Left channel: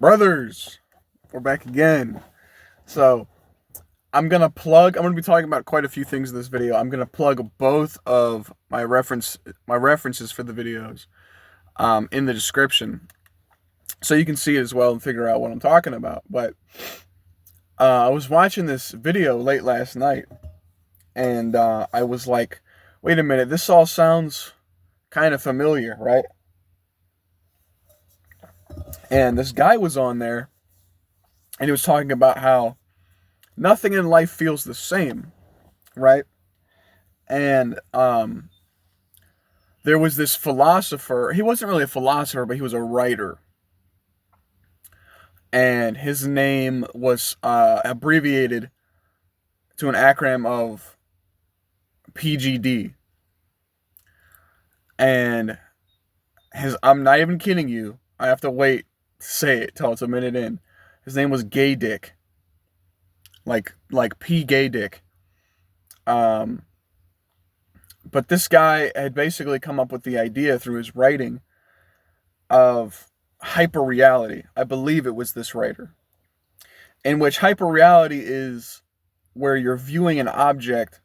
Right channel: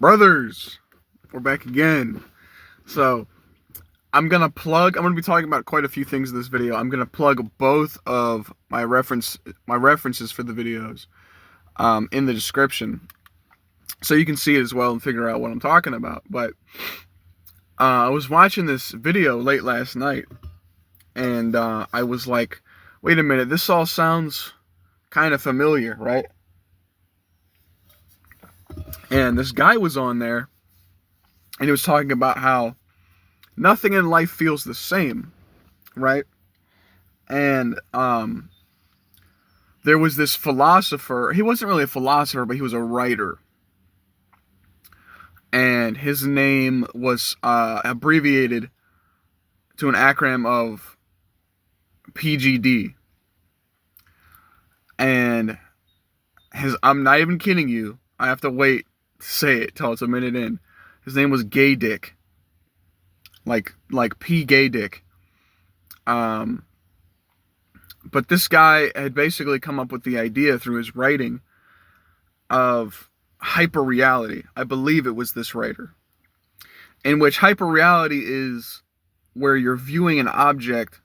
Brothers, we're back again. So I'm gonna be talking about quite a few things in this video. I'm gonna plug both of my references for the videos in the description, so you can see it as well and figure out what I'm talking about. But I was watching this video late last night, and I was like, wait a minute, this all sounds kind of familiar, right? And this guy was on there, and he was talking about how nothing in life feels the same, right? And there was this philosopher. He wasn't really a philosopher, but he was a writer. And his name was abbreviated to an acronym of PGD. And I'm not even kidding you. I have to wait to say it till it's a minute in. His name was Gay Dick. Like P Gay Dick. But this guy had basically come up with the idea through his writing of hyperreality. I believe it was this writer. In which hyperreality is where you're viewing an object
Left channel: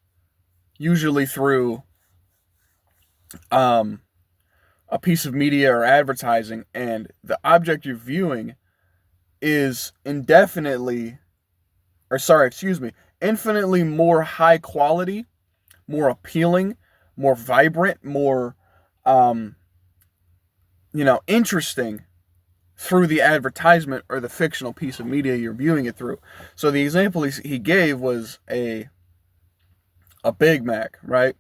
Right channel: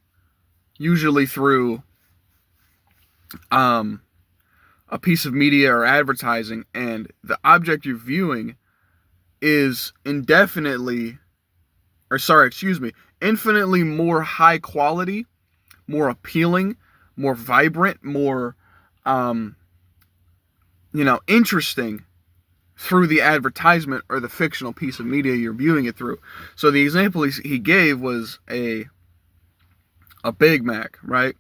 usually through a piece of media or advertising, and the object you're viewing is infinitely more high quality, more appealing, more vibrant, more interesting through the advertisement or the fictional piece of media you're viewing it through. So the example he gave was a Big Mac, right?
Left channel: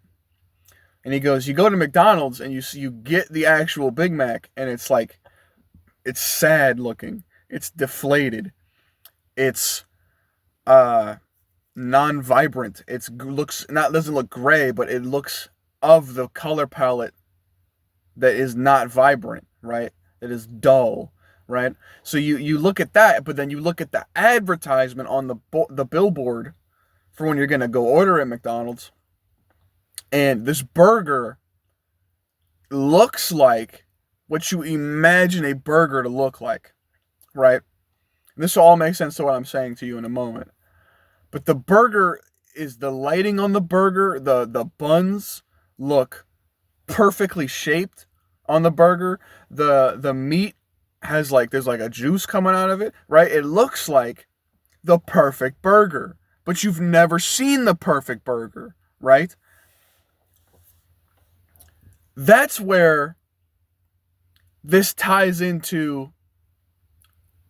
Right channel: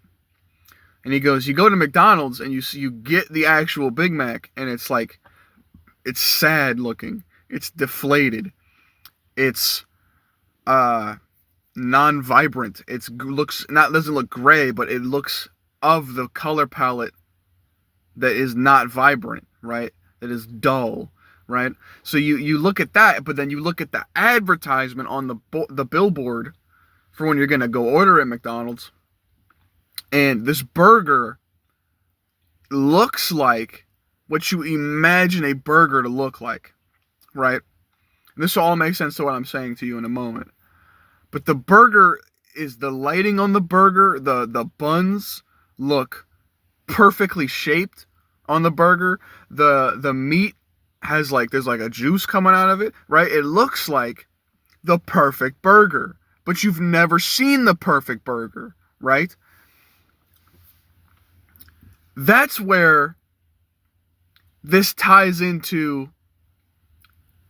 And he goes, you go to McDonald's and you get the actual Big Mac, and it's like, it's sad looking, it's deflated, it's non-vibrant, doesn't look gray, but it looks of the color palette that is not vibrant, right? That is dull, right? So you look at that, but then you look at the advertisement on the billboard for when you're gonna go order at McDonald's, and this burger looks like what you imagine a burger to look like, right? And this will all make sense to what I'm saying to you in a moment. But the burger is the lighting on the burger, the buns look perfectly shaped on the burger. The meat has there's like a juice coming out of it, right? It looks like the perfect burger, but you've never seen the perfect burger, right? That's where this ties into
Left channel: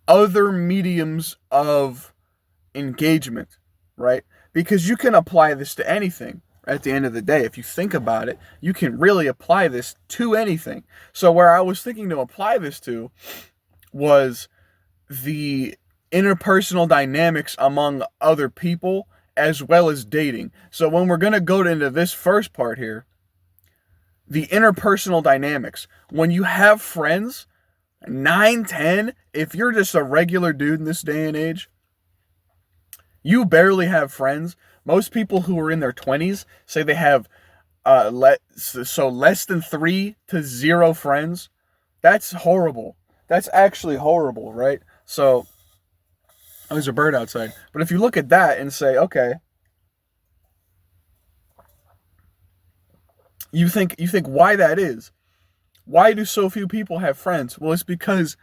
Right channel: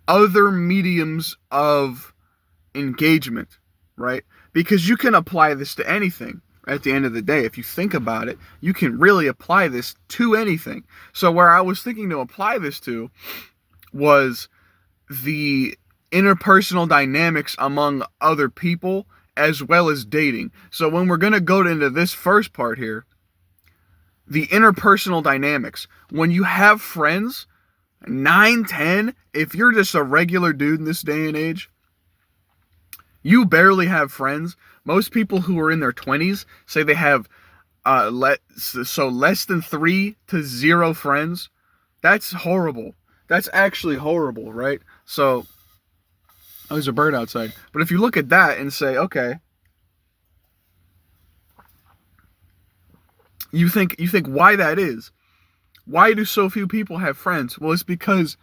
other mediums of engagement, right? Because you can apply this to anything at the end of the day. If you think about it, you can really apply this to anything. So where I was thinking to apply this to was the interpersonal dynamics among other people as well as dating. So when we're going to go into this first part here, the interpersonal dynamics, when you have friends, 9, 10, if you're just a regular dude in this day and age, you barely have friends. Most people who are in their 20s say they have less than 3 to 0 friends. That's horrible. That's actually horrible, right? So, there's a bird outside. But if you look at that and say, okay, you think why that is. Why do so few people have friends? Well, it's because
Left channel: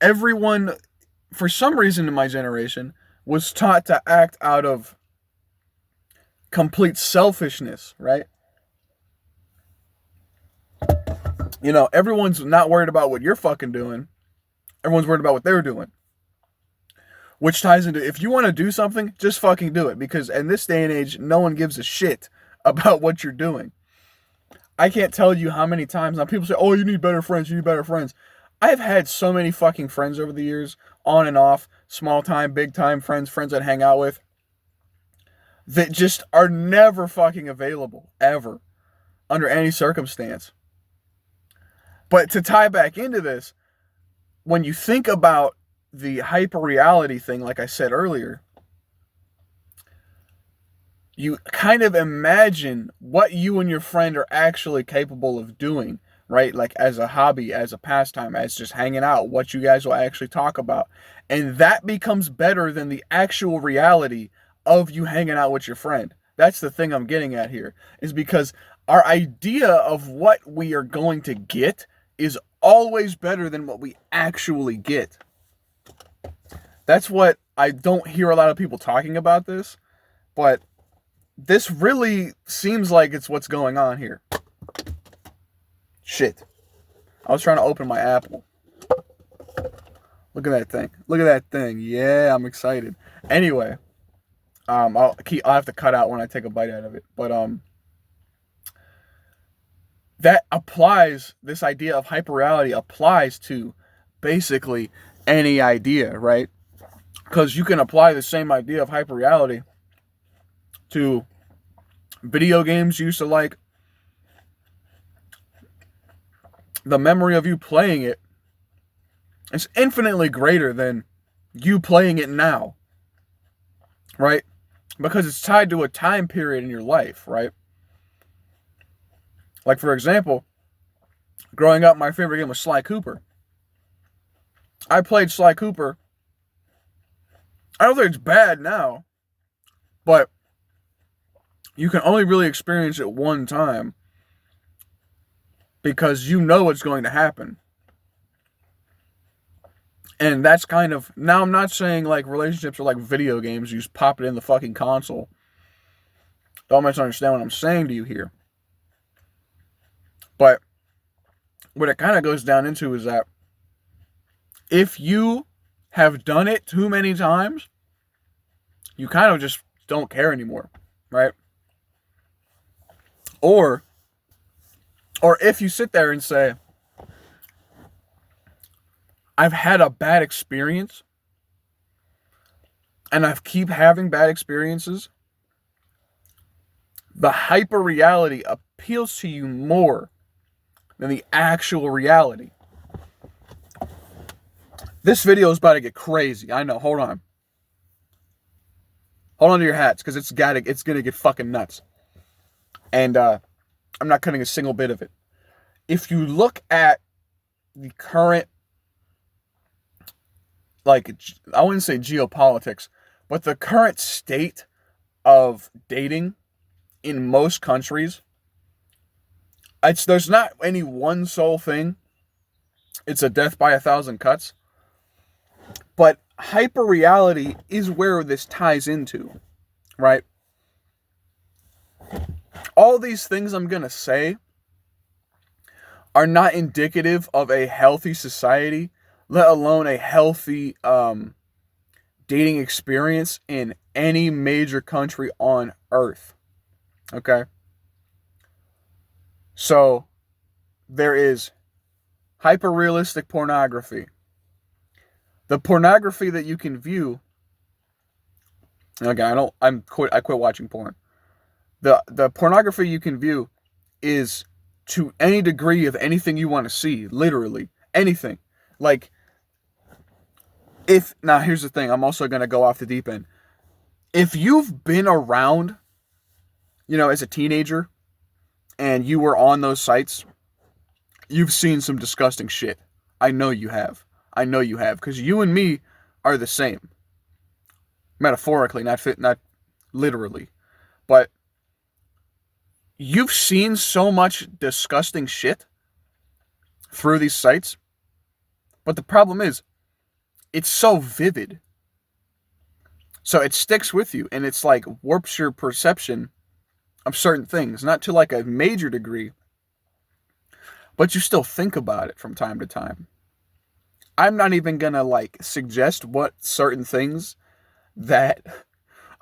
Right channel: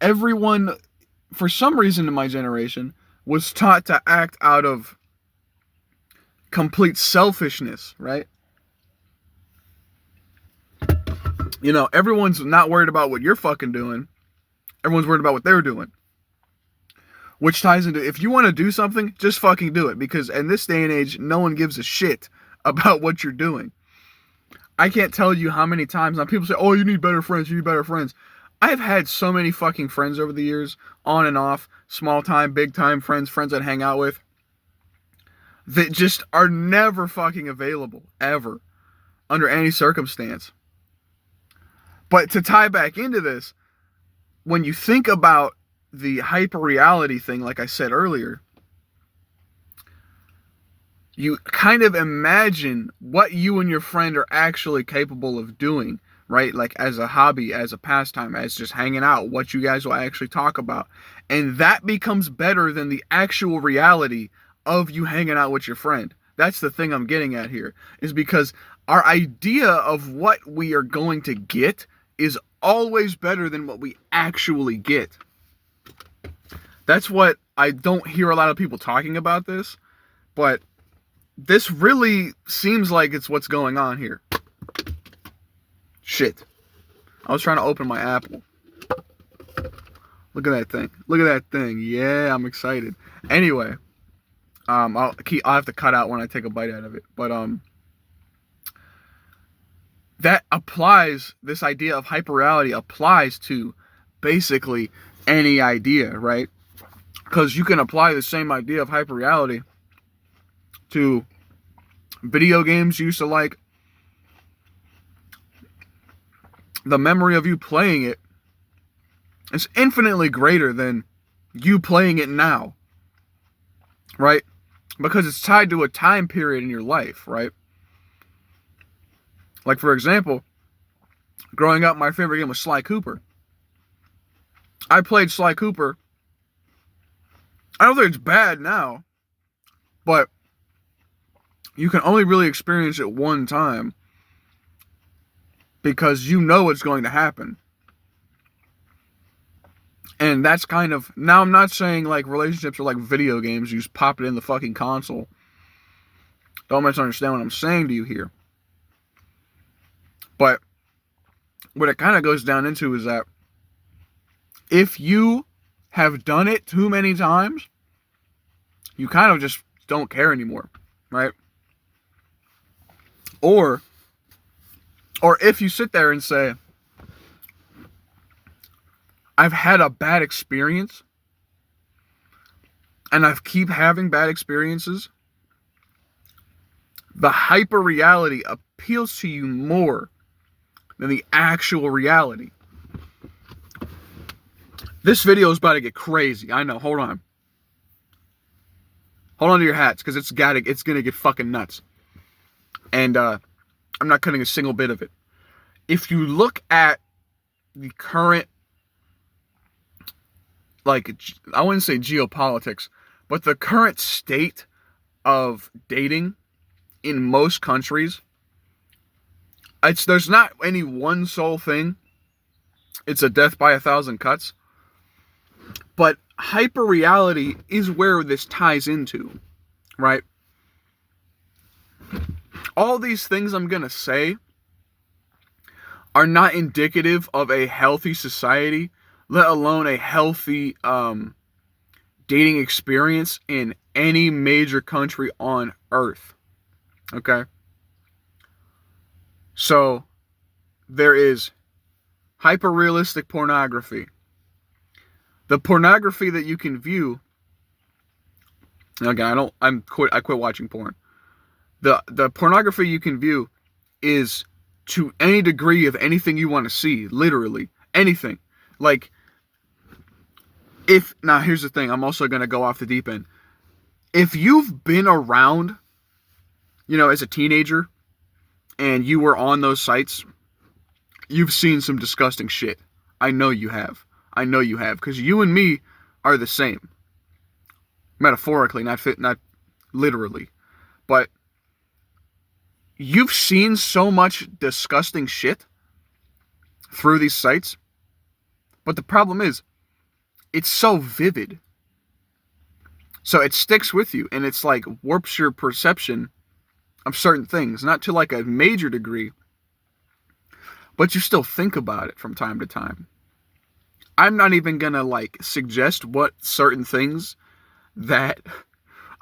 everyone, for some reason in my generation, was taught to act out of complete selfishness, right? Everyone's not worried about what you're fucking doing. Everyone's worried about what they're doing. Which ties into, if you want to do something, just fucking do it. Because in this day and age, no one gives a shit about what you're doing. I can't tell you how many times now people say, oh, you need better friends, you need better friends. I've had so many fucking friends over the years, on and off, small time, big time friends I'd hang out with, that just are never fucking available, ever, under any circumstance. But to tie back into this, when you think about the hyperreality thing, like I said earlier, you kind of imagine what you and your friend are actually capable of doing, right? Like as a hobby, as a pastime, as just hanging out, what you guys will actually talk about. And that becomes better than the actual reality of you hanging out with your friend. That's the thing I'm getting at here, is because our idea of what we are going to get is always better than what we actually get. That's what I don't hear a lot of people talking about this, but this really seems like it's what's going on here. Shit. I was trying to open my apple. Look at that thing. Look at that thing. Yeah, I'm excited. Anyway, I'll have to cut out when I take a bite out of it. But that applies, this idea of hyperreality applies to basically any idea, right? Because you can apply the same idea of hyperreality to video games you used to like. The memory of you playing it is infinitely greater than you playing it now, right? Because it's tied to a time period in your life, right? Like, for example, growing up, my favorite game was Sly Cooper. I played Sly Cooper. I don't think it's bad now, but you can only really experience it one time because you know it's going to happen. And that's kind of, now I'm not saying like relationships are like video games, you just pop it in the fucking console. Don't misunderstand what I'm saying to you here. But what it kind of goes down into is that if you have done it too many times, you kind of just don't care anymore, right? Or if you sit there and say, I've had a bad experience and I keep having bad experiences, the hyper reality appeals to you more than the actual reality. This video is about to get crazy. I know. Hold on. Hold on to your hats, because it's gonna get fucking nuts. And I'm not cutting a single bit of it. If you look at the current, like, I wouldn't say geopolitics, but the current state of dating in most countries, there's not any one sole thing. It's a death by 1,000 cuts. But hyperreality is where this ties into, right? All these things I'm going to say are not indicative of a healthy society, let alone a healthy dating experience in any major country on earth. Okay? So, there is hyper-realistic pornography. The pornography that you can view, and again, I quit watching porn. The pornography you can view is to any degree of anything you want to see, literally anything. Like, now here's the thing, I'm also going to go off the deep end. If you've been around, as a teenager and you were on those sites, you've seen some disgusting shit. I know you have, because you and me are the same. Metaphorically, not literally. But you've seen so much disgusting shit through these sites. But the problem is, it's so vivid. So it sticks with you, and it's like warps your perception of certain things. Not to like a major degree, but you still think about it from time to time. I'm not even gonna like suggest what certain things that,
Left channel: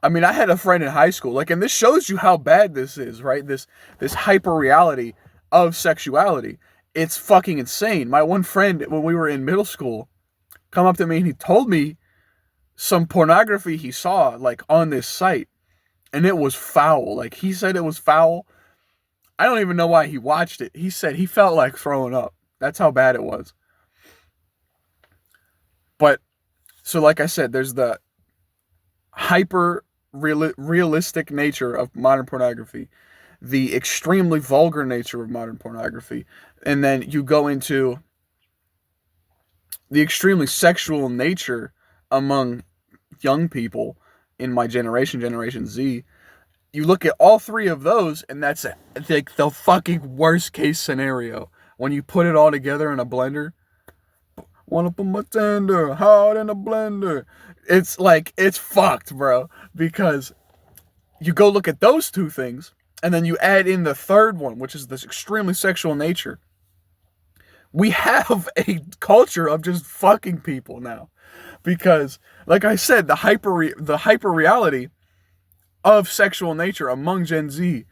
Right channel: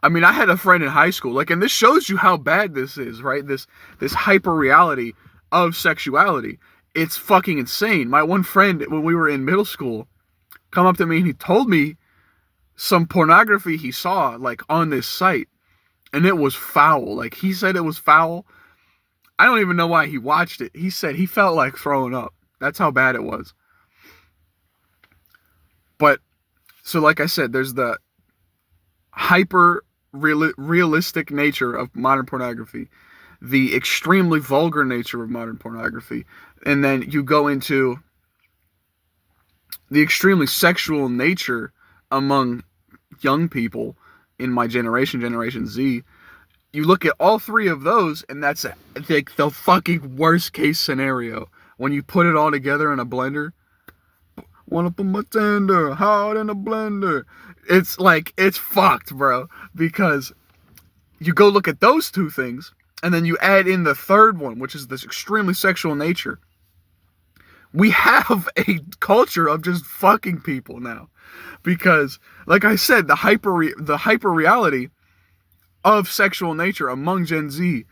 I mean, I had a friend in high school, like, and this shows you how bad this is, right? This hyper reality of sexuality. It's fucking insane. My one friend, when we were in middle school, come up to me and he told me some pornography he saw, like, on this site, and it was foul. Like, he said it was foul. I don't even know why he watched it. He said he felt like throwing up. That's how bad it was. But, so like I said, there's the hyper realistic nature of modern pornography. the extremely vulgar nature of modern pornography, and then you go into the extremely sexual nature among young people in my generation, Generation Z. You look at all three of those, and that's like the fucking worst case scenario. When you put it all together in a blender, wanna put my tender hard in a blender. It's like, it's fucked, bro. Because you go look at those two things, and then you add in the third one, which is this extremely sexual nature. We have a culture of just fucking people now. Because, like I said, the hyper reality of sexual nature among Gen Z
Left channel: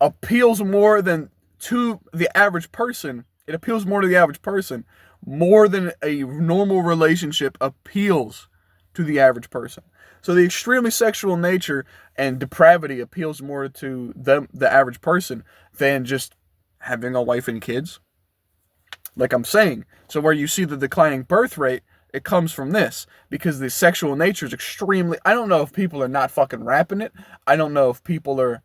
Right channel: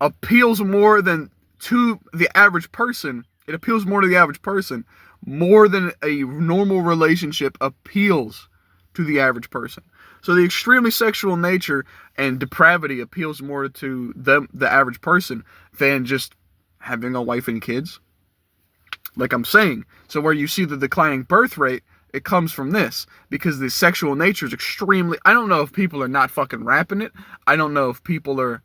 appeals more than to the average person. It appeals more to the average person more than a normal relationship appeals to the average person. So the extremely sexual nature and depravity appeals more to them, the average person, than just having a wife and kids. Like I'm saying, so where you see the declining birth rate, it comes from this, because the sexual nature is extremely, I don't know if people are not fucking rapping it. I don't know if people are,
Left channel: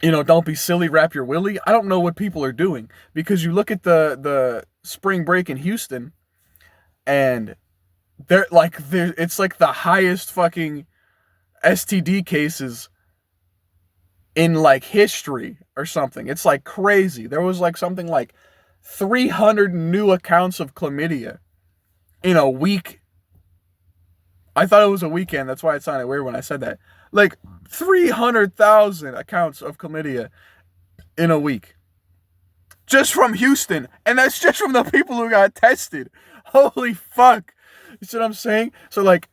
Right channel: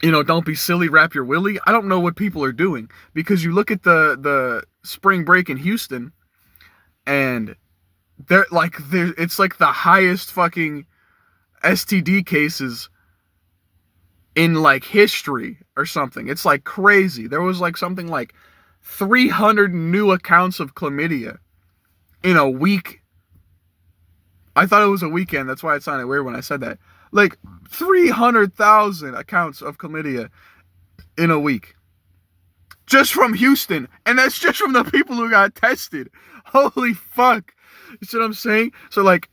don't be silly, wrap your willy. I don't know what people are doing, because you look at the spring break in Houston, and it's like the highest fucking STD cases in like history or something. It's like crazy. There was like something like 300 new accounts of chlamydia in a week. I thought it was a weekend. That's why it sounded weird when I said that. Like 300,000 accounts of chlamydia in a week. Just from Houston. And that's just from the people who got tested. Holy fuck. You see what I'm saying? So like,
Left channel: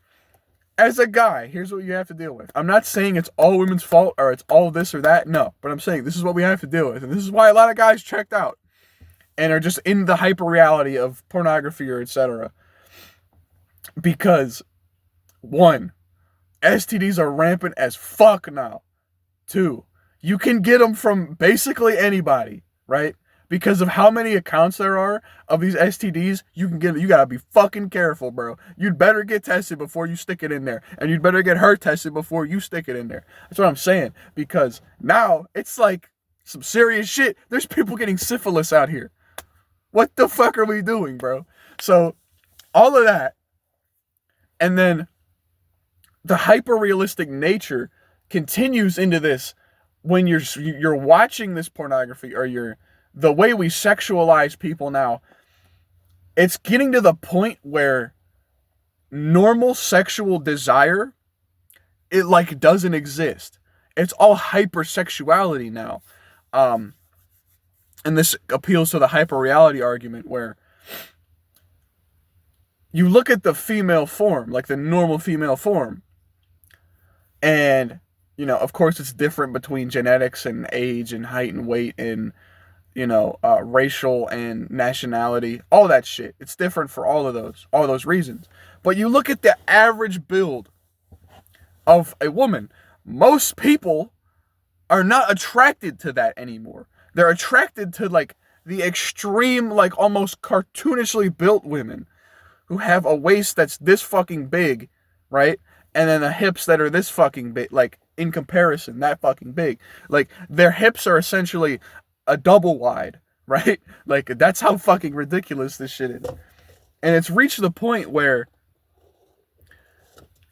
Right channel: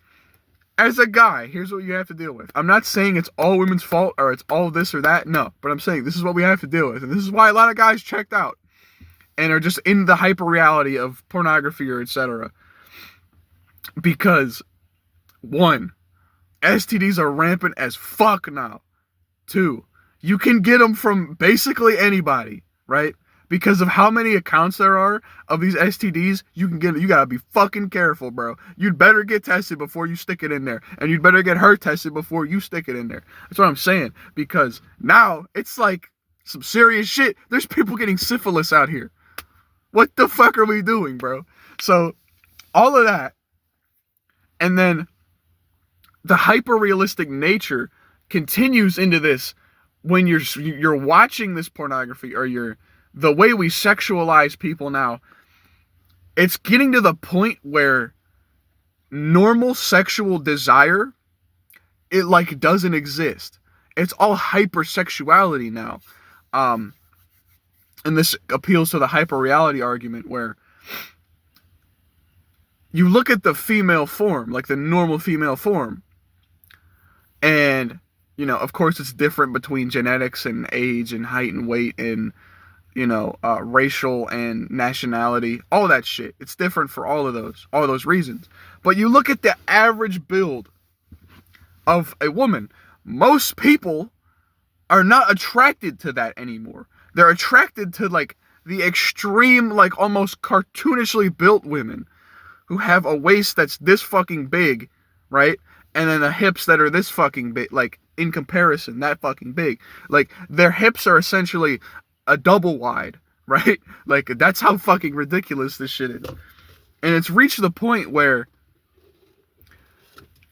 as a guy, here's what you have to deal with. I'm not saying it's all women's fault or it's all this or that. No. But I'm saying this is what we have to deal with. And this is why a lot of guys checked out and are just in the hyper reality of pornography or etc. Because 1, STDs are rampant as fuck now. 2, you can get them from basically anybody, right? Because of how many accounts there are of these STDs, you gotta be fucking careful, bro. You'd better get tested before you stick it in there. And you'd better get her tested before you stick it in there. That's what I'm saying. Because now it's like some serious shit. There's people getting syphilis out here. What the fuck are we doing, bro? So, all of that. And then the hyper-realistic nature continues into this when you're watching this pornography, or the way we sexualize people now. It's getting to the point where normal sexual desire, it like doesn't exist. It's all hypersexuality now. And this appeals to the hyper-reality argument, where you look at the female form, like the normal female form, and, of course it's different between genetics and age and height and weight and, racial and nationality, all that shit. It's different for all of those reasons. But you look at the average build of a woman, most people are not attracted to that anymore. They're attracted to like the extreme, like almost cartoonishly built women who have a waist that's this fucking big, right? And then the hips that are this fucking big, like in comparison, that fucking big. Like their hips are essentially a double wide, right? Like that's how fucking ridiculous this shit is. And it's reached the point where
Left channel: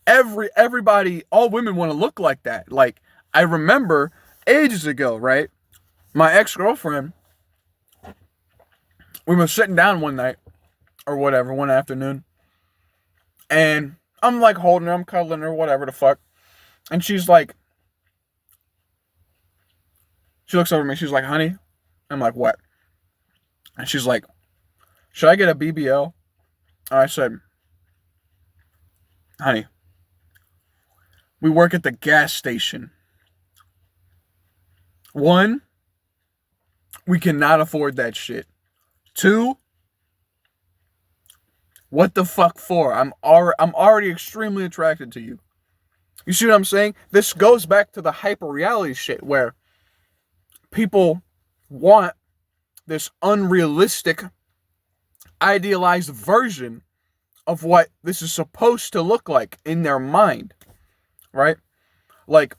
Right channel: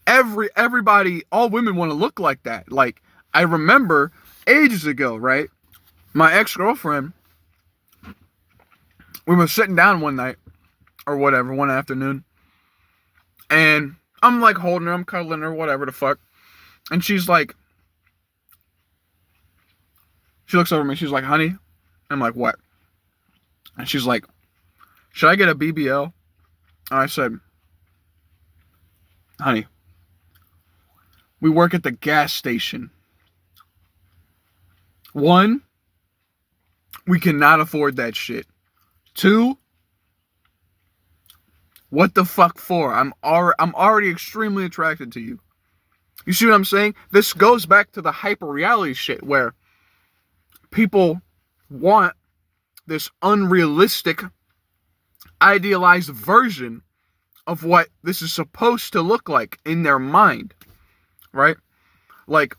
everybody, all women want to look like that. Like I remember ages ago, right? My ex-girlfriend, we were sitting down one night or whatever, one afternoon, and I'm like holding her, I'm cuddling her, whatever the fuck. And she's like, she looks over at me, she's like, honey. I'm like, what? And she's like, should I get a BBL? And I said, honey, we work at the gas station. 1, we cannot afford that shit. 2, what the fuck for? I'm already extremely attracted to you. You see what I'm saying? This goes back to the hyper reality shit, where people want this unrealistic, idealized version of what this is supposed to look like in their mind, right? Like,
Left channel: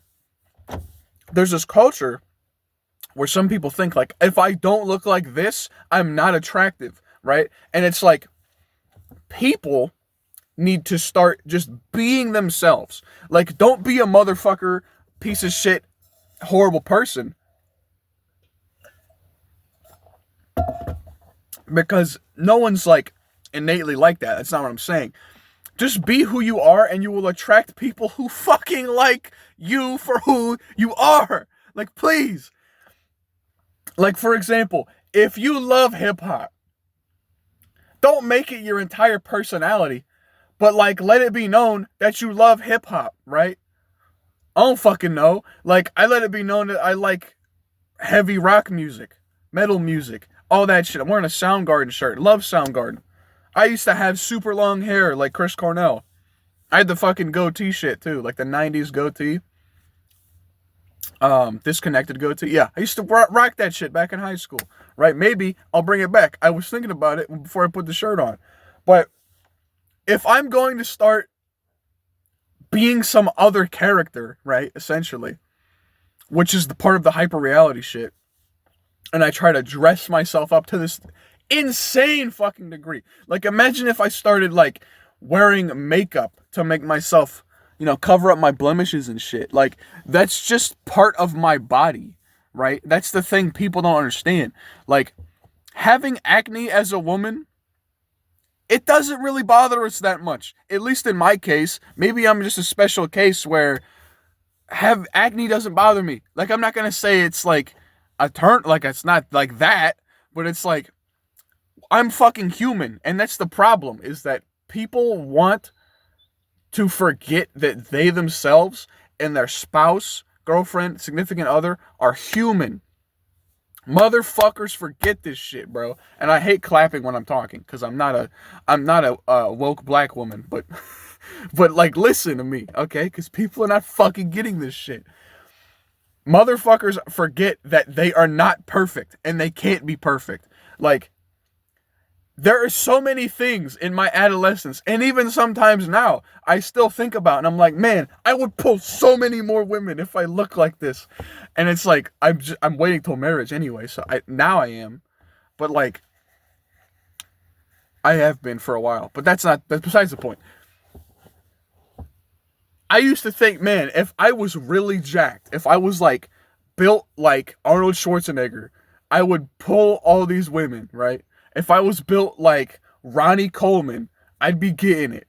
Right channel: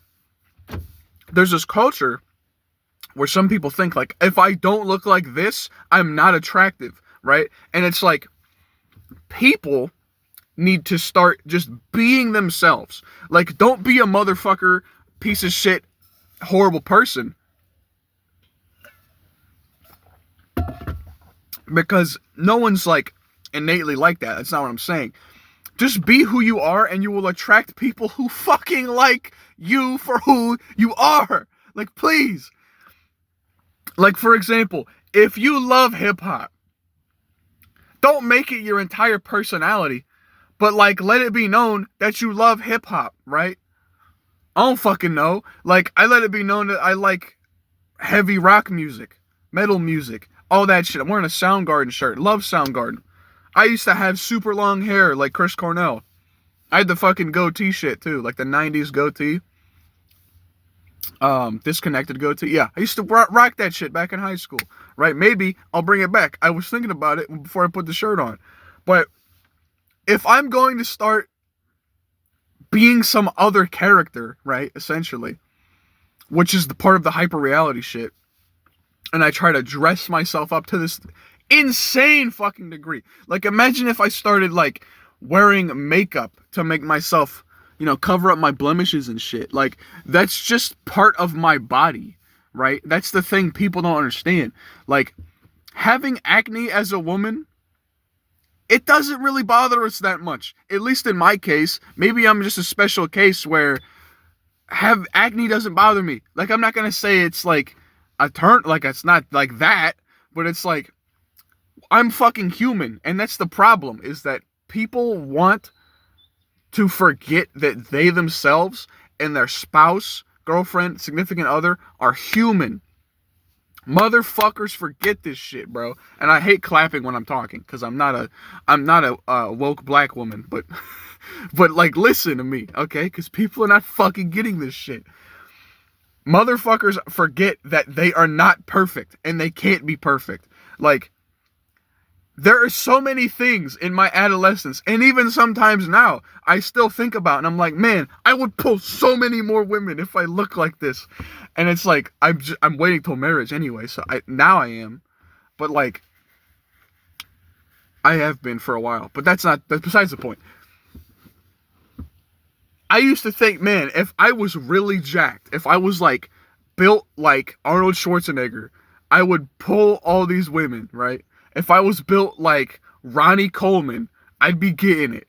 there's this culture where some people think like, if I don't look like this, I'm not attractive, right? And it's like, people need to start just being themselves. Like, don't be a motherfucker, piece of shit, horrible person, because no one's like innately like that. That's not what I'm saying. Just be who you are, and you will attract people who fucking like you for who you are. Like, please. Like, for example, if you love hip hop, don't make it your entire personality, but like, let it be known that you love hip hop, right? I don't fucking know. Like, I let it be known that I like heavy rock music, metal music, all that shit. I'm wearing a Soundgarden shirt. Love Soundgarden. I used to have super long hair like Chris Cornell. I had the fucking goatee shit too, like the 90s goatee. Disconnected goatee. Yeah, I used to rock that shit back in high school, right? Maybe I'll bring it back. I was thinking about it before I put the shirt on. But if I'm going to start being some other character, right, essentially, which is the part of the hyper reality shit, and I try to dress myself up to this insane fucking degree. Like, imagine if I started like wearing makeup to make myself, cover up my blemishes and shit. Like, that's just part of my body, right? That's the thing people don't understand. Like, having acne as a woman, it doesn't really bother us that much. At least in my case. Maybe I'm just a special case where have acne doesn't bother me. Like, I'm not gonna say it's like a turn, like it's not like that, but it's like, I'm fucking human, and that's the problem, is that people want to forget that they themselves and their spouse, girlfriend, significant other are human. Motherfuckers forget this shit, bro. And I hate clapping when I'm talking, because I'm not a woke black woman, but but like, listen to me, okay? Because people are not fucking getting this shit. Motherfuckers forget that they are not perfect, and they can't be perfect. Like, there are so many things in my adolescence, and even sometimes now, I still think about, and I'm like, man, I would pull so many more women if I look like this. And it's like, I'm waiting till marriage anyway, so now I am. But like, I have been for a while, but that's besides the point. I used to think, man, if I was really jacked, if I was like built like Arnold Schwarzenegger, I would pull all these women, right? If I was built like Ronnie Coleman, I'd be getting it.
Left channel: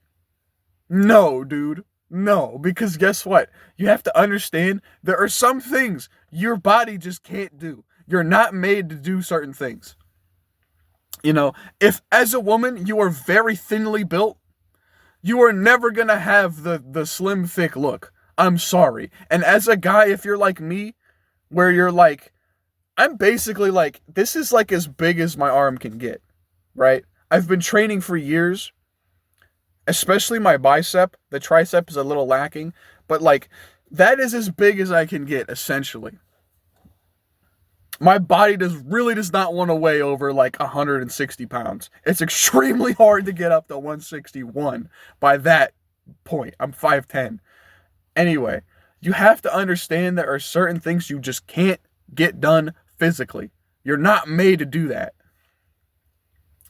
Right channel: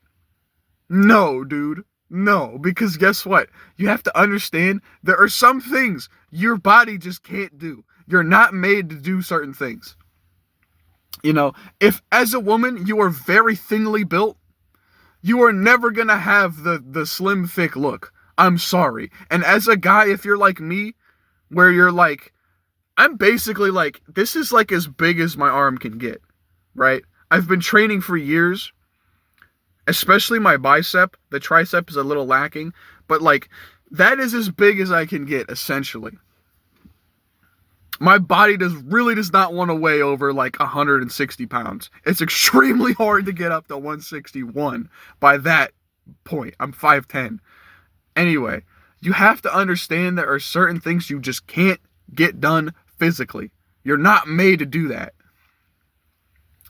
No, dude. No, because guess what? You have to understand, there are some things your body just can't do. You're not made to do certain things. If as a woman you are very thinly built, you are never going to have the slim, thick look. I'm sorry. And as a guy, if you're like me, where you're like, I'm basically like, this is like as big as my arm can get, right? I've been training for years, especially my bicep. The tricep is a little lacking, but like, that is as big as I can get, essentially. My body really does not want to weigh over like 160 pounds. It's extremely hard to get up to 161 by that point. I'm 5'10". Anyway, you have to understand there are certain things you just can't get done physically. You're not made to do that.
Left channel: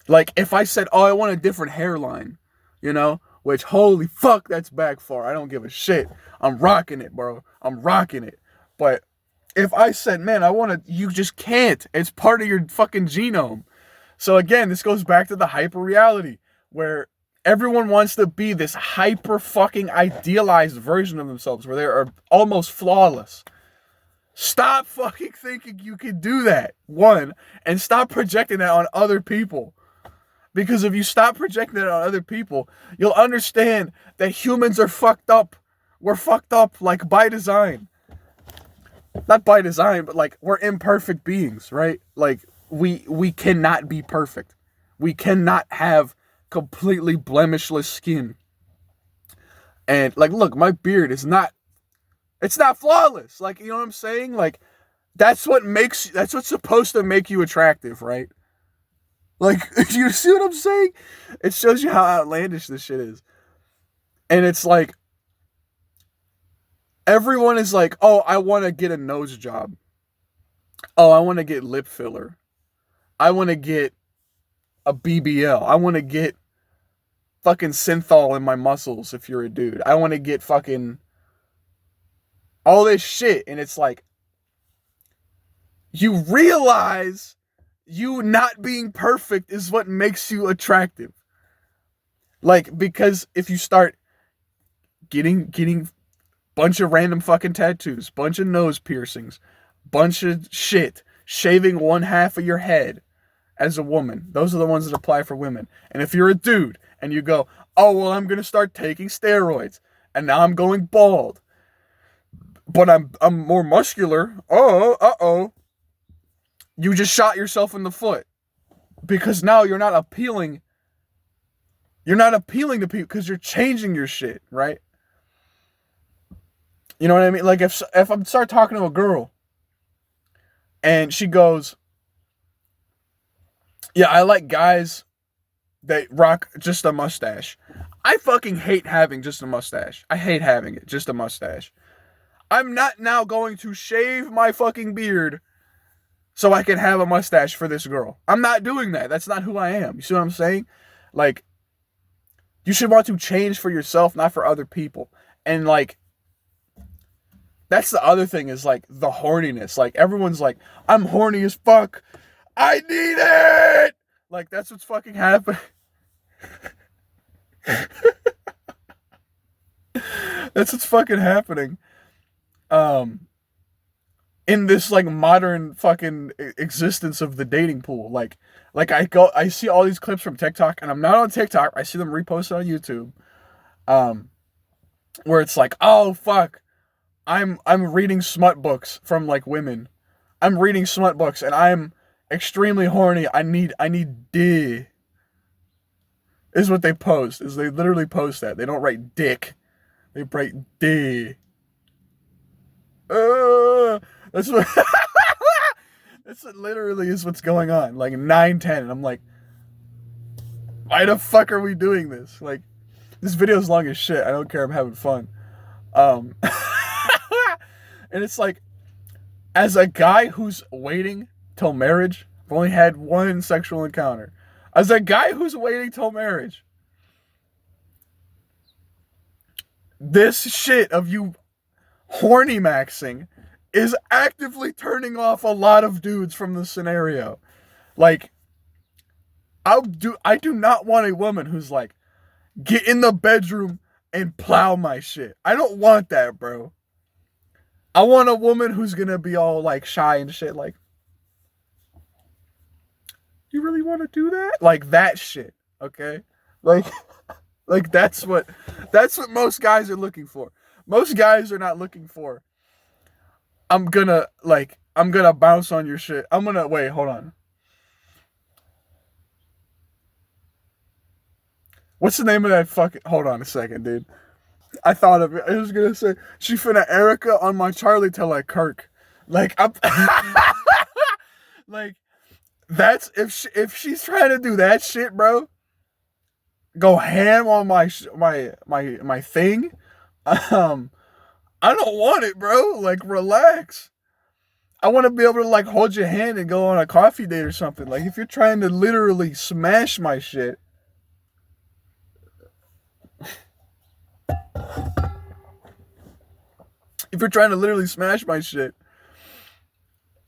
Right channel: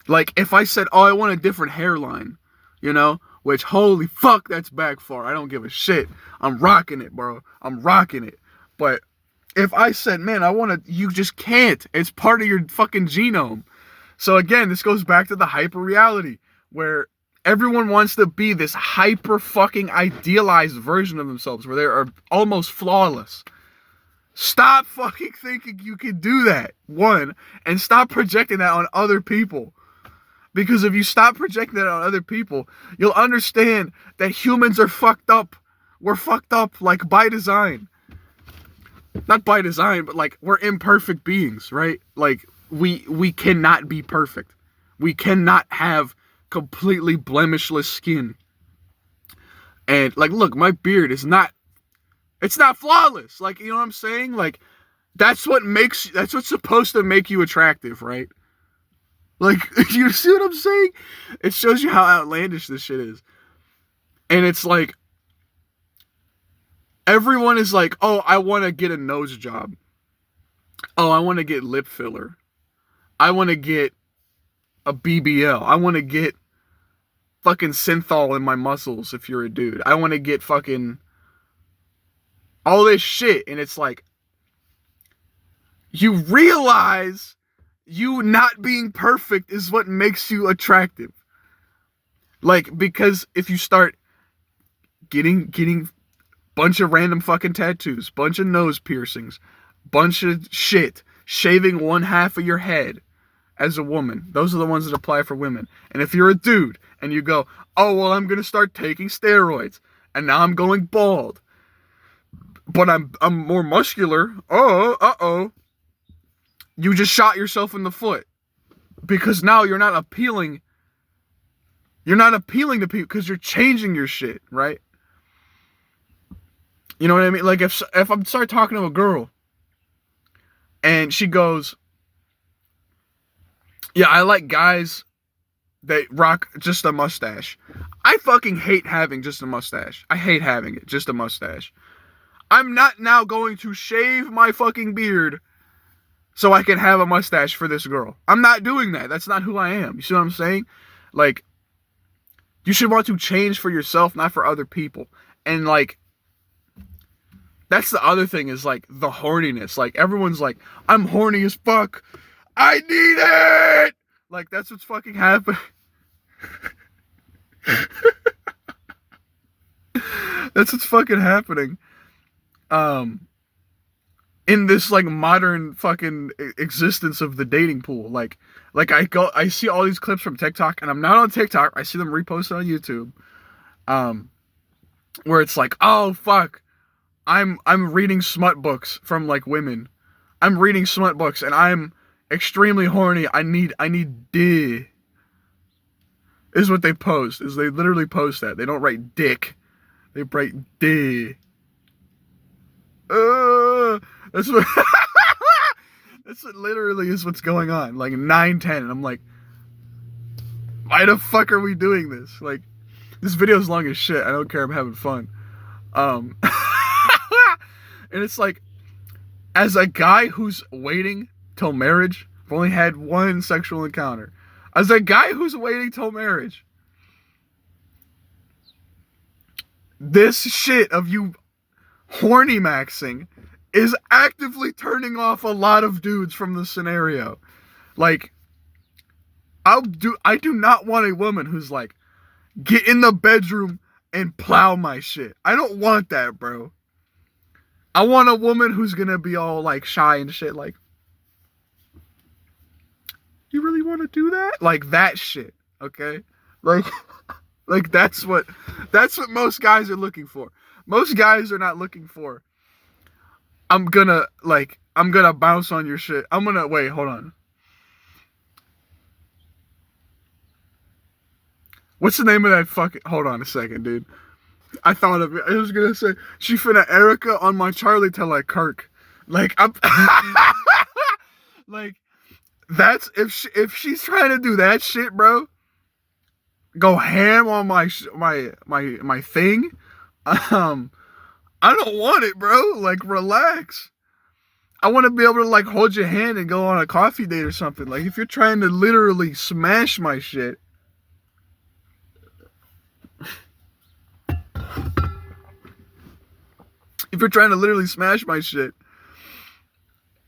Like, if I said, oh, I want a different hairline, which, holy fuck, that's back far. I don't give a shit. I'm rocking it, bro. I'm rocking it. But if I said, man, you just can't. It's part of your fucking genome. So again, this goes back to the hyper reality, where everyone wants to be this hyper fucking idealized version of themselves, where they are almost flawless. Stop fucking thinking you can do that, one, and stop projecting that on other people. Because if you stop projecting that on other people, you'll understand that humans are fucked up. We're fucked up, like, by design. Not by design, but like, we're imperfect beings, right? Like, we cannot be perfect. We cannot have completely blemishless skin. And like, look, my beard is not, it's not flawless. Like, you know what I'm saying? Like, that's what's supposed to make you attractive, right? Like, you see what I'm saying? It shows you how outlandish this shit is. And it's like, everyone is like, oh, I want to get a nose job. Oh, I want to get lip filler. I want to get a BBL. I want to get fucking synthol in my muscles if you're a dude. I want to get fucking all this shit. And it's like, you realize you not being perfect is what makes you attractive. Like, because if you start getting bunch of random fucking tattoos, bunch of nose piercings, bunch of shit, shaving one half of your head as a woman. Those are the ones that apply for women. And if you're a dude and you go, oh, well, I'm going to start taking steroids and now I'm going bald, but I'm more muscular. Oh, you just shot yourself in the foot because now you're not appealing. You're not appealing to people because you're changing your shit, right? You know what I mean? Like if I start talking to a girl and she goes, yeah, I like guys that rock just a mustache. I fucking hate having just a mustache. I hate having it, just a mustache. I'm not now going to shave my fucking beard so I can have a mustache for this girl. I'm not doing that. That's not who I am. You see what I'm saying? Like, you should want to change for yourself, not for other people. And like, that's the other thing is like the horniness. Like everyone's like, I'm horny as fuck. I need it. Like that's what's fucking happening. That's what's fucking happening. In this like modern fucking existence of the dating pool. Like I see all these clips from TikTok, and I'm not on TikTok. I see them reposted on YouTube. Where it's like, oh fuck, I'm reading smut books from like women. I'm reading smut books and I'm extremely horny. I need D. Is what they post. Is they literally post that. They don't write dick. They write D. That's what that's what literally is what's going on. Like 9:10, and I'm like, why the fuck are we doing this? Like, this video's long as shit. I don't care. I'm having fun. And it's like, as a guy who's waiting till marriage, I've only had one sexual encounter. As a guy who's waiting till marriage, this shit of you horny maxing is actively turning off a lot of dudes from the scenario. Like, I do not want a woman who's like, get in the bedroom and plow my shit. I don't want that, bro. I want a woman who's gonna be all like shy and shit, like, you really want to do that? Like that shit, okay? Like that's what most guys are looking for. Most guys are not looking for, I'm gonna bounce on your shit. Wait, hold on. What's the name of that fucking, hold on a second, dude. I thought of it. I was gonna say, she finna Erica on my Charlie till I Kirk. Like, I'm like, that's, if she's trying to do that shit, bro, go ham on my thing. I don't want it, bro. Like, relax. I want to be able to like hold your hand and go on a coffee date or something. Like, if you're trying to literally smash my shit,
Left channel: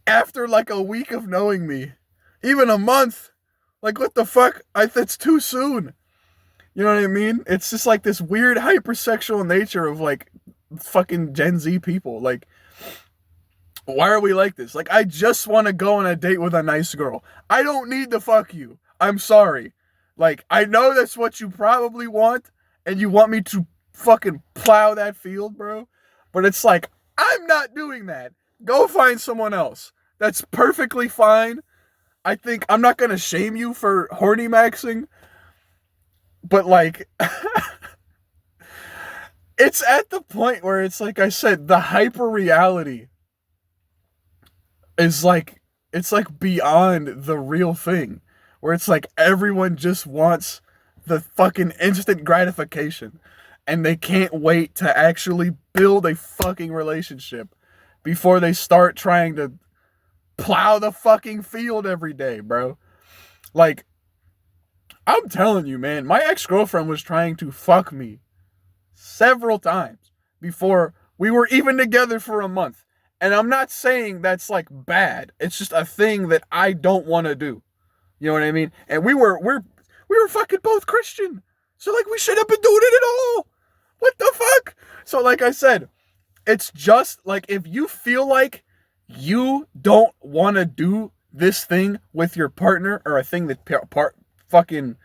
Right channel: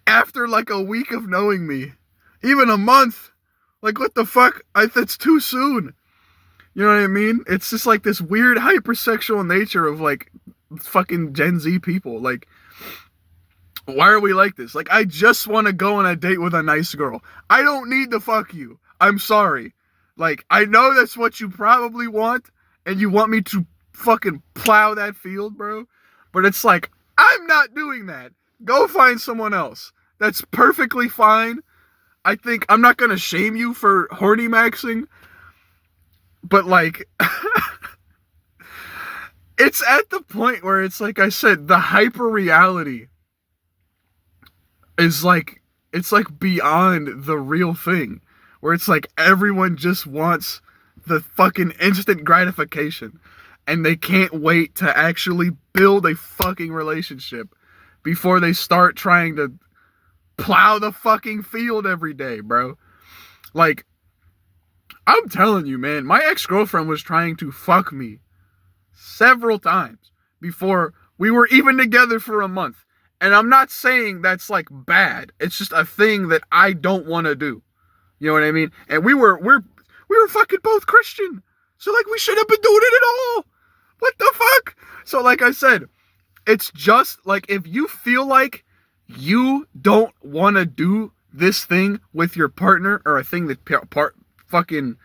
after like a week of knowing me, even a month, like, what the fuck? That's too soon. You know what I mean? It's just like this weird hypersexual nature of like fucking Gen Z people. Like, why are we like this? Like, I just want to go on a date with a nice girl. I don't need to fuck you. I'm sorry. Like, I know that's what you probably want, and you want me to fucking plow that field, bro. But it's like, I'm not doing that. Go find someone else. That's perfectly fine. I think I'm not going to shame you for horny maxing, but like, it's at the point where it's like I said, the hyper reality is like, it's like beyond the real thing, where it's like everyone just wants the fucking instant gratification, and they can't wait to actually build a fucking relationship before they start trying to plow the fucking field every day, bro. Like, I'm telling you, man, my ex-girlfriend was trying to fuck me several times before we were even together for a month. And I'm not saying that's like bad. It's just a thing that I don't want to do. You know what I mean? And we were fucking both Christian. So like we should have been doing it at all. What the fuck? So like I said, it's just like if you feel like you don't want to do this thing with your partner, or a thing that fucking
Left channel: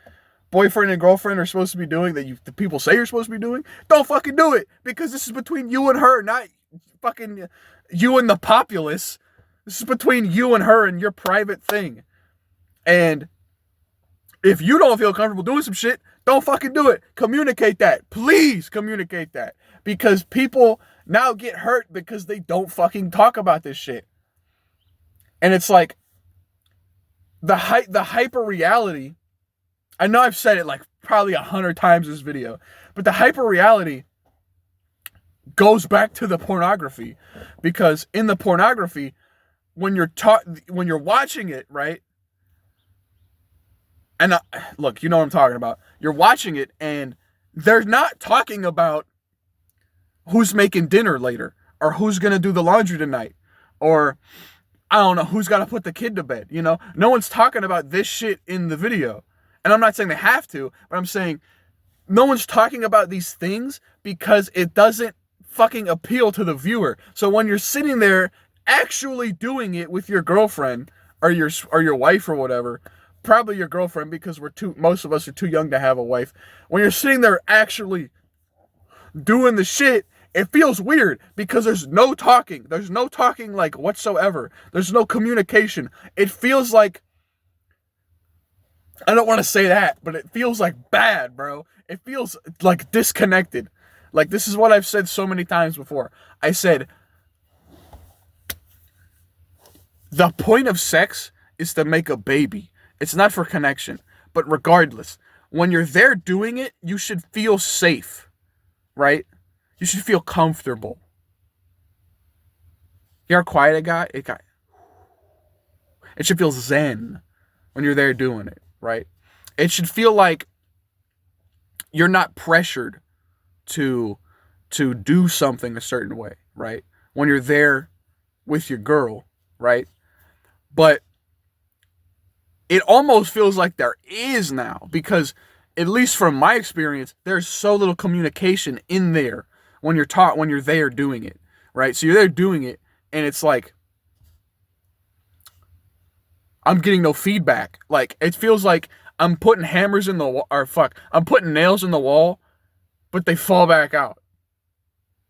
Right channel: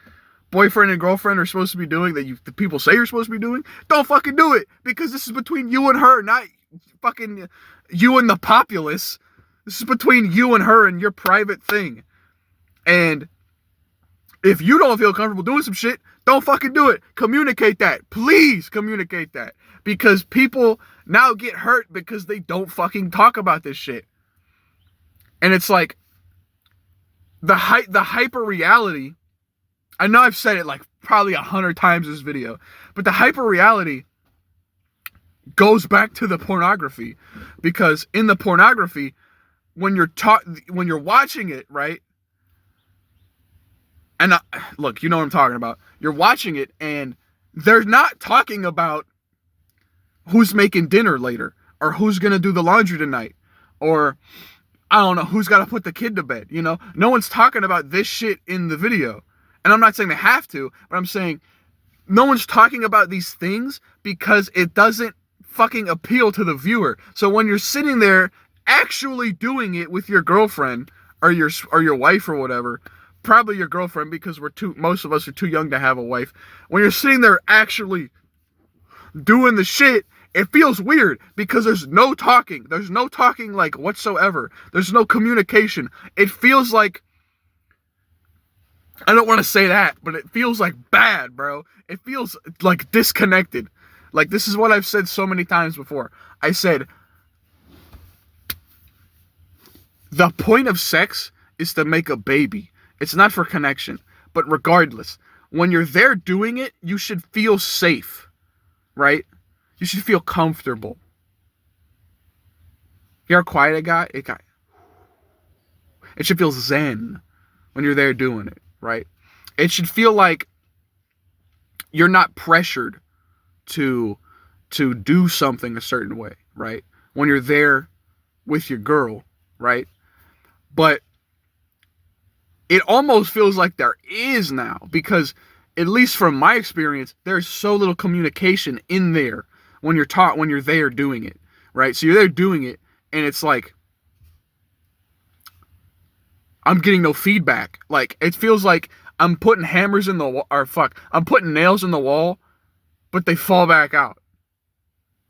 boyfriend and girlfriend are supposed to be doing, that the people say you're supposed to be doing, don't fucking do it, because this is between you and her, not fucking you and the populace. This is between you and her and your private thing. And if you don't feel comfortable doing some shit, don't fucking do it. Communicate that. Please communicate that. Because people now get hurt because they don't fucking talk about this shit. And it's like the hyper reality. I know I've said it like probably 100 times in this video, but the hyper reality goes back to the pornography, because in the pornography, when you're watching it, right? And look, you know what I'm talking about. You're watching it, and they're not talking about who's making dinner later, or who's gonna do the laundry tonight, or I don't know, who's got to put the kid to bed. You know, no one's talking about this shit in the video. And I'm not saying they have to, but I'm saying no one's talking about these things because it doesn't fucking appeal to the viewer. So when you're sitting there actually doing it with your girlfriend or your wife or whatever, probably your girlfriend, because most of us are too young to have a wife. When you're sitting there actually doing the shit, it feels weird because there's no talking. There's no talking like whatsoever. There's no communication. It feels like, I don't want to say that, but it feels like bad, bro. It feels like disconnected. Like, this is what I've said so many times before. I said, the point of sex is to make a baby. It's not for connection. But regardless, when you're there doing it, you should feel safe, right? You should feel comfortable. You hear how quiet it got? It should feel zen when you're there doing it, right? It should feel like you're not pressured to do something a certain way, right? When you're there with your girl, right? But it almost feels like there is now, because at least from my experience, there's so little communication in there when you're there doing it, right? So you're there doing it, and it's like, I'm getting no feedback. Like, it feels like I'm putting hammers in the wall, I'm putting nails in the wall, but they fall back out.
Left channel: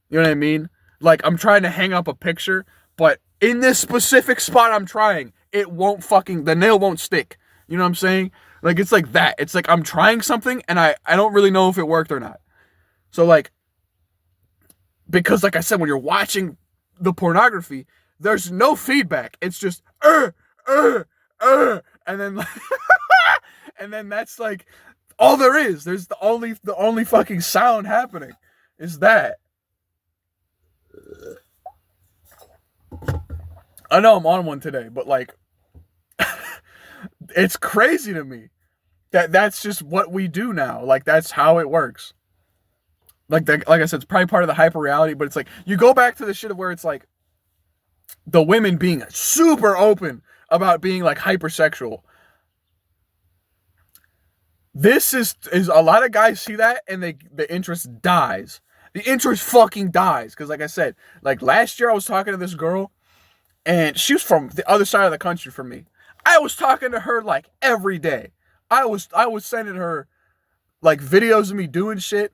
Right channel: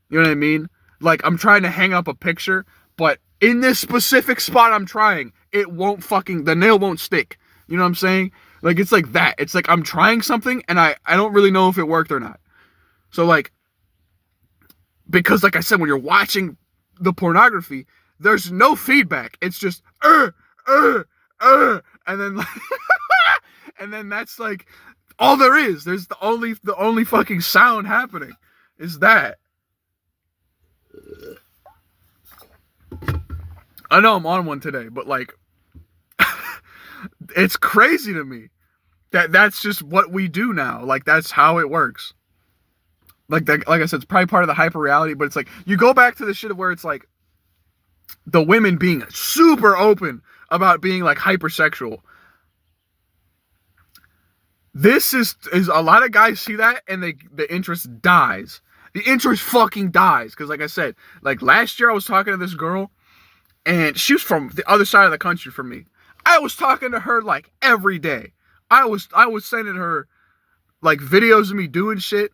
You know what I mean? Like, I'm trying to hang up a picture, but in this specific spot I'm trying, the nail won't stick. You know what I'm saying? Like, it's like that. It's like I'm trying something, and I don't really know if it worked or not. So, like, because like I said, when you're watching the pornography, there's no feedback. It's just, and then like, and then that's like all there is. There's the only fucking sound happening is that. I know I'm on one today, but like, it's crazy to me that that's just what we do now. Like, that's how it works. Like I said, it's probably part of the hyper reality, but it's like, you go back to the shit of where it's like the women being super open about being like hypersexual. This is a lot of guys see that, and the interest dies. The interest fucking dies. Because like I said, like last year I was talking to this girl, and she was from the other side of the country from me. I was talking to her like every day. I was sending her like videos of me doing shit.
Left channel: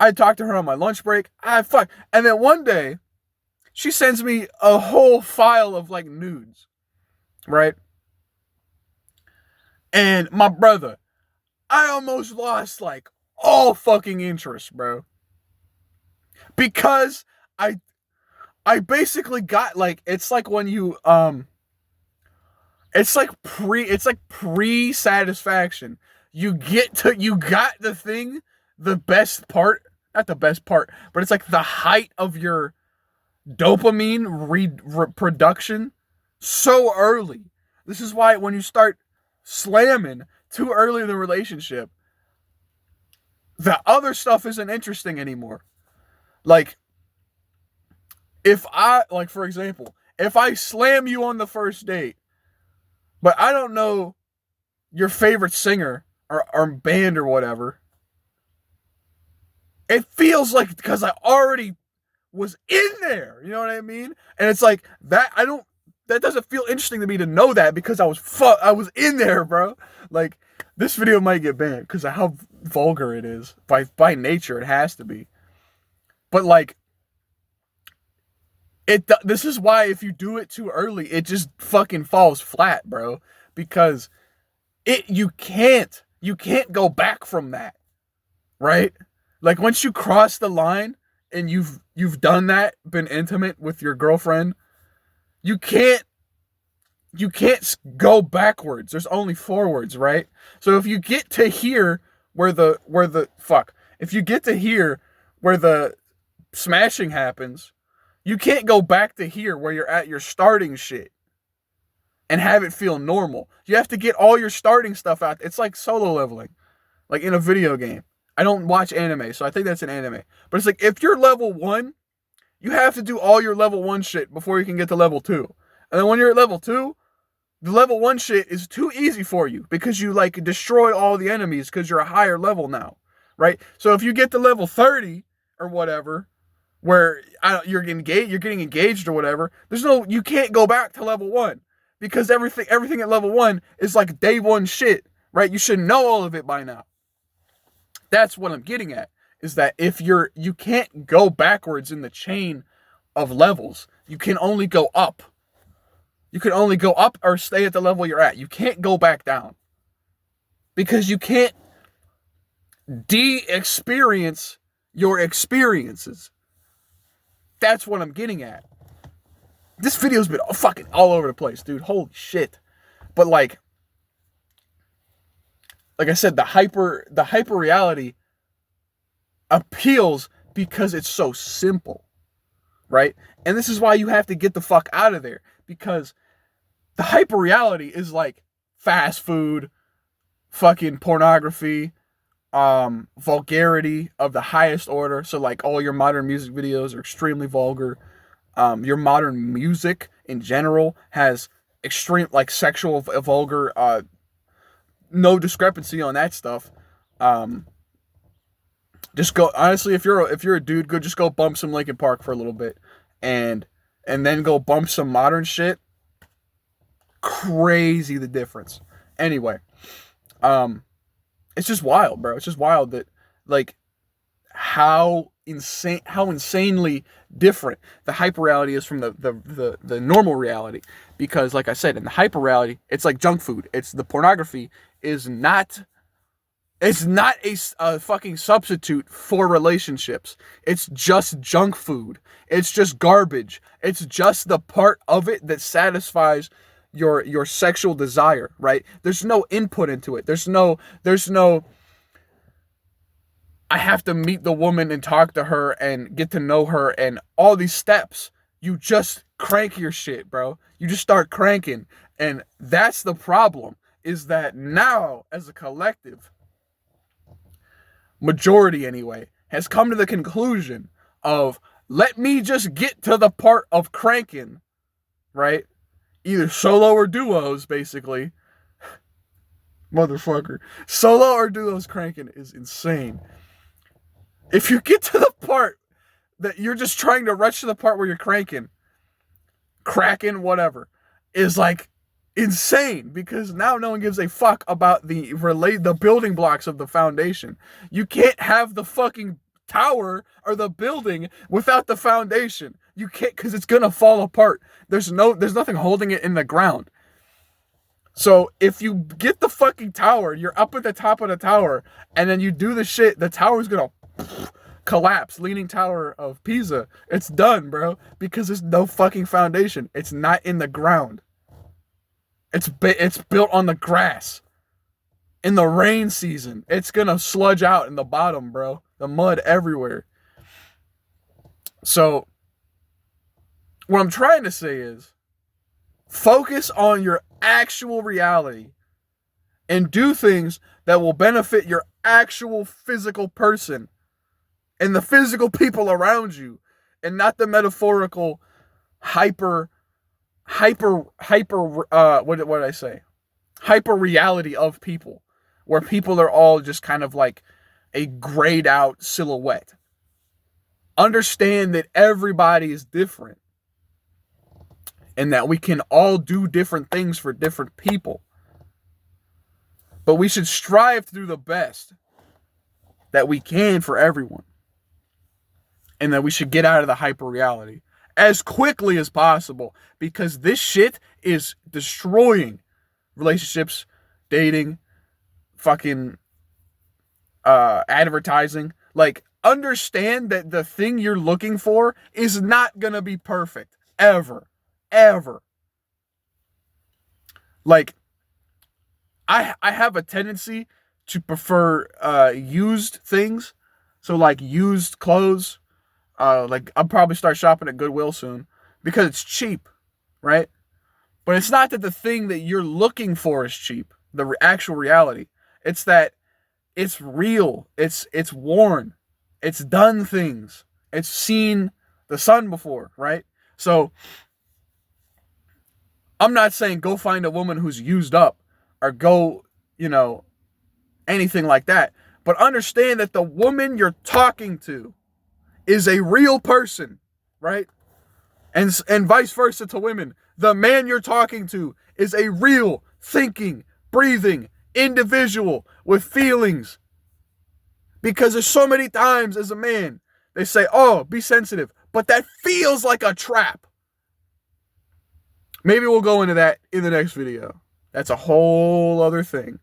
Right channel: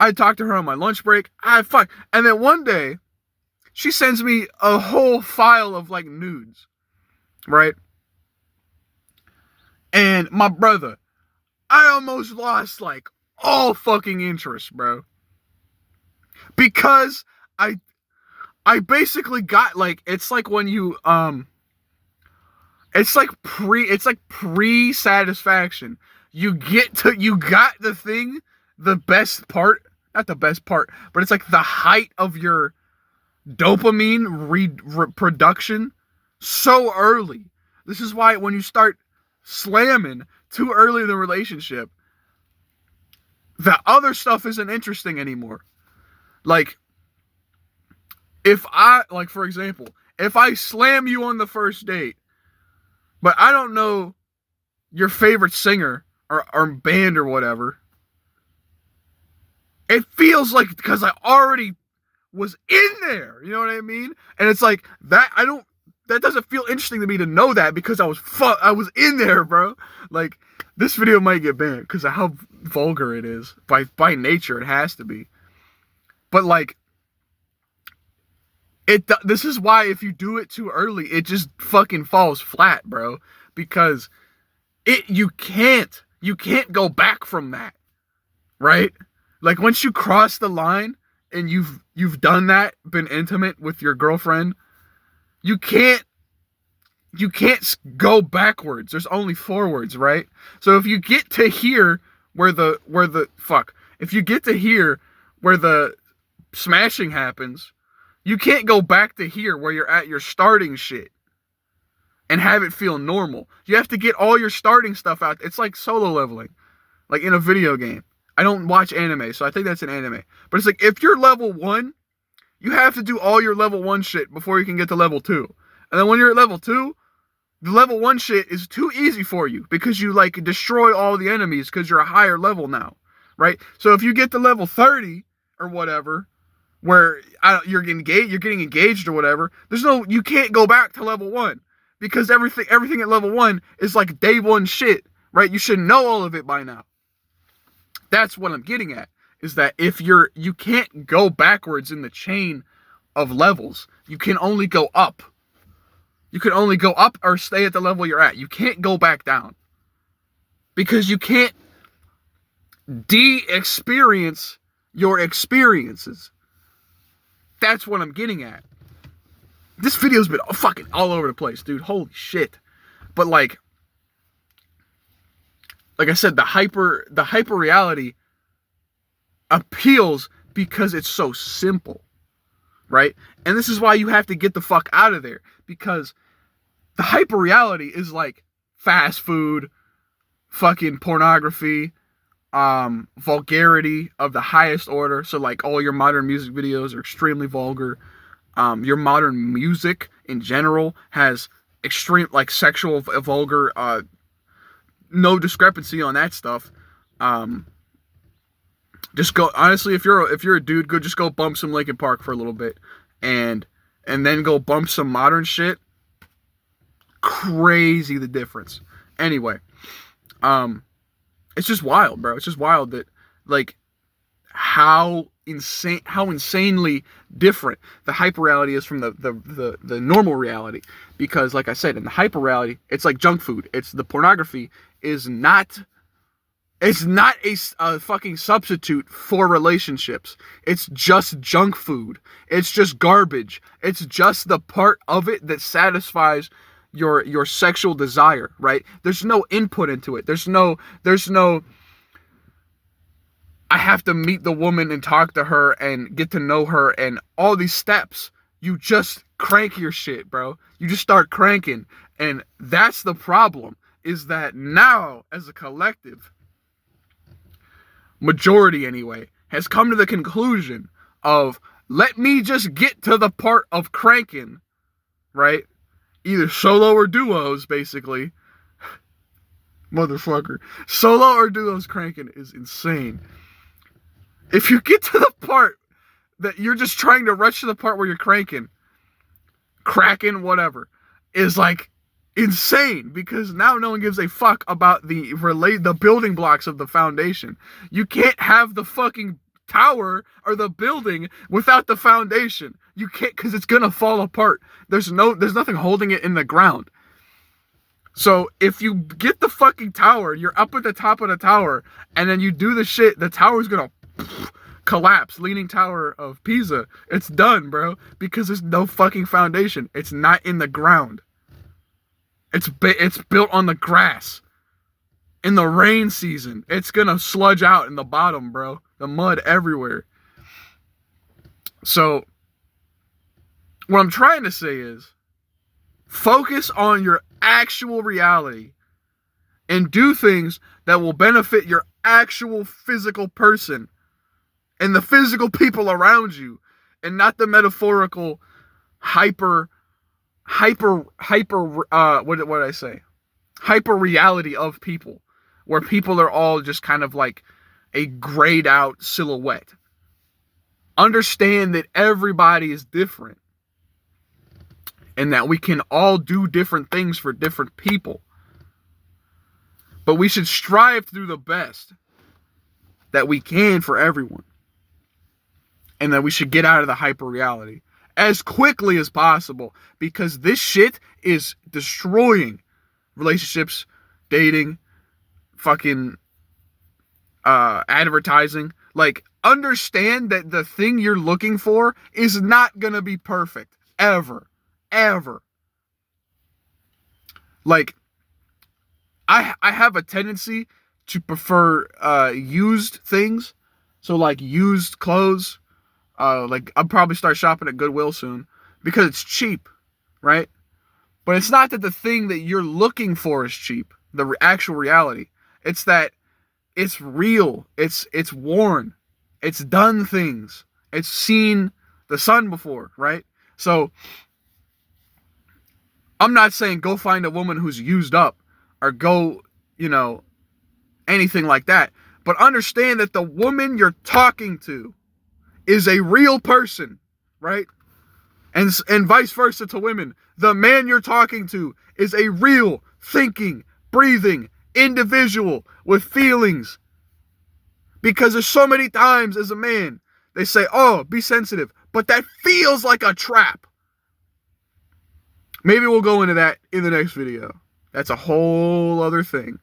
I talked to her on my lunch break. And then one day, she sends me a whole file of like nudes, right? And my brother, I almost lost like all fucking interest, bro. Because I basically got like, it's like when you it's like pre-satisfaction. You got the thing, the best part, not the best part, but it's like the height of your dopamine reproduction so early. This is why when you start slamming too early in the relationship, the other stuff isn't interesting anymore. Like, for example, if I slam you on the first date, but I don't know your favorite singer or band or whatever, it feels like because I already was in there. You know what I mean? And it's like that. That doesn't feel interesting to me to know that because I was in there, bro. Like, this video might get banned because of how vulgar it is. By nature, it has to be. But like, this is why if you do it too early, it just fucking falls flat, bro. Because you can't go back from that, right? Like, once you cross the line and you've done that, been intimate with your girlfriend, you can't go backwards. There's only forwards, right? So if you get to here if you get to here where the smashing happens, you can't go back to here where you're at your starting shit and have it feel normal. You have to get all your starting stuff out. It's like solo leveling, like in a video game. I don't watch anime, so I think that's an anime. But it's like, if you're level 1, you have to do all your level 1 shit before you can get to level 2. And then when you're at level 2, the level 1 shit is too easy for you because you like destroy all the enemies because you're a higher level now, right? So if you get to level 30 or whatever, where you're getting engaged or whatever, you can't go back to level 1 because everything at level 1 is like day 1 shit, right? You should know all of it by now. That's what I'm getting at, is that if you can't go backwards in the chain of levels. You can only go up. You can only go up or stay at the level you're at. You can't go back down. Because you can't de-experience your experiences. That's what I'm getting at. This video's been fucking all over the place, dude. Holy shit. But like I said, the hyper reality appeals because it's so simple, right? And this is why you have to get the fuck out of there, because the hyper reality is like fast food, fucking pornography, vulgarity of the highest order. So like all your modern music videos are extremely vulgar. Your modern music in general has extreme like sexual vulgar, no discrepancy on that stuff. Just go, honestly, if you're a dude, just go bump some Linkin Park for a little bit and then go bump some modern shit. Crazy the difference. Anyway, it's just wild, bro. It's just wild that like how insanely different the hyper reality is from the normal reality. Because like I said, in the hyper reality, it's like junk food. It's the pornography is not a fucking substitute for relationships. It's just junk food. It's just garbage. It's just the part of it that satisfies your sexual desire, right? There's no input into it. There's no I have to meet the woman and talk to her and get to know her and all these steps. You just crank your shit, bro. You just start cranking. And that's the problem, is that now as a collective, majority anyway, has come to the conclusion of, let me just get to the part of cranking, right? Either solo or duos, basically. Motherfucker. Solo or duos cranking is insane. If you get to the part that you're just trying to rush to the part where you're cracking, whatever, is like insane, because now no one gives a fuck about the building blocks of the foundation. You can't have the fucking tower or the building without the foundation. You can't, because it's gonna fall apart. There's nothing holding it in the ground. So if you get the fucking tower, you're up at the top of the tower, and then you do the shit, the tower's gonna collapse. Leaning Tower of Pisa. It's done, bro, because there's no fucking foundation. It's not in the ground. It's built on the grass. In the rain season, it's gonna sludge out in the bottom, bro. The mud everywhere. So what I'm trying to say is, Focus on your actual reality and do things that will benefit your actual physical person and the physical people around you, and not the metaphorical hyper what did I say? Hyper reality of people, where people are all just kind of like a grayed out silhouette. Understand that everybody is different and that we can all do different things for different people. But we should strive to do the best that we can for everyone. And that we should get out of the hyper reality as quickly as possible, because this shit is destroying relationships, dating, fucking advertising. Like, understand that the thing you're looking for is not gonna be perfect ever. Like, I have a tendency to prefer used things. So like used clothes. Like, I'll probably start shopping at Goodwill soon because it's cheap, right? But it's not that the thing that you're looking for is cheap, the actual reality. It's that it's real, it's worn, it's done things, it's seen the sun before, right? So I'm not saying go find a woman who's used up or go, anything like that. But understand that the woman you're talking to is a real person, right? And vice versa to women. The man you're talking to is a real, thinking, breathing individual with feelings. Because there's so many times as a man, they say, oh, be sensitive. But that feels like a trap. Maybe we'll go into that in the next video. That's a whole other thing.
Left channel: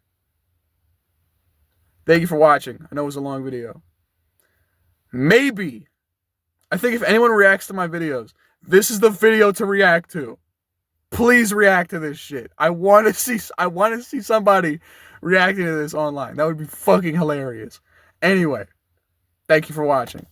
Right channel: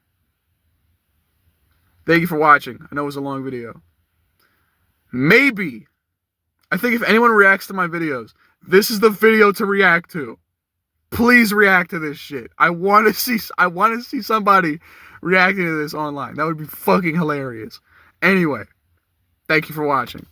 Thank you for watching. I know it was a long video. Maybe, I think if anyone reacts to my videos, this is the video to react to. Please react to this shit. I want to see somebody reacting to this online. That would be fucking hilarious. Anyway, thank you for watching.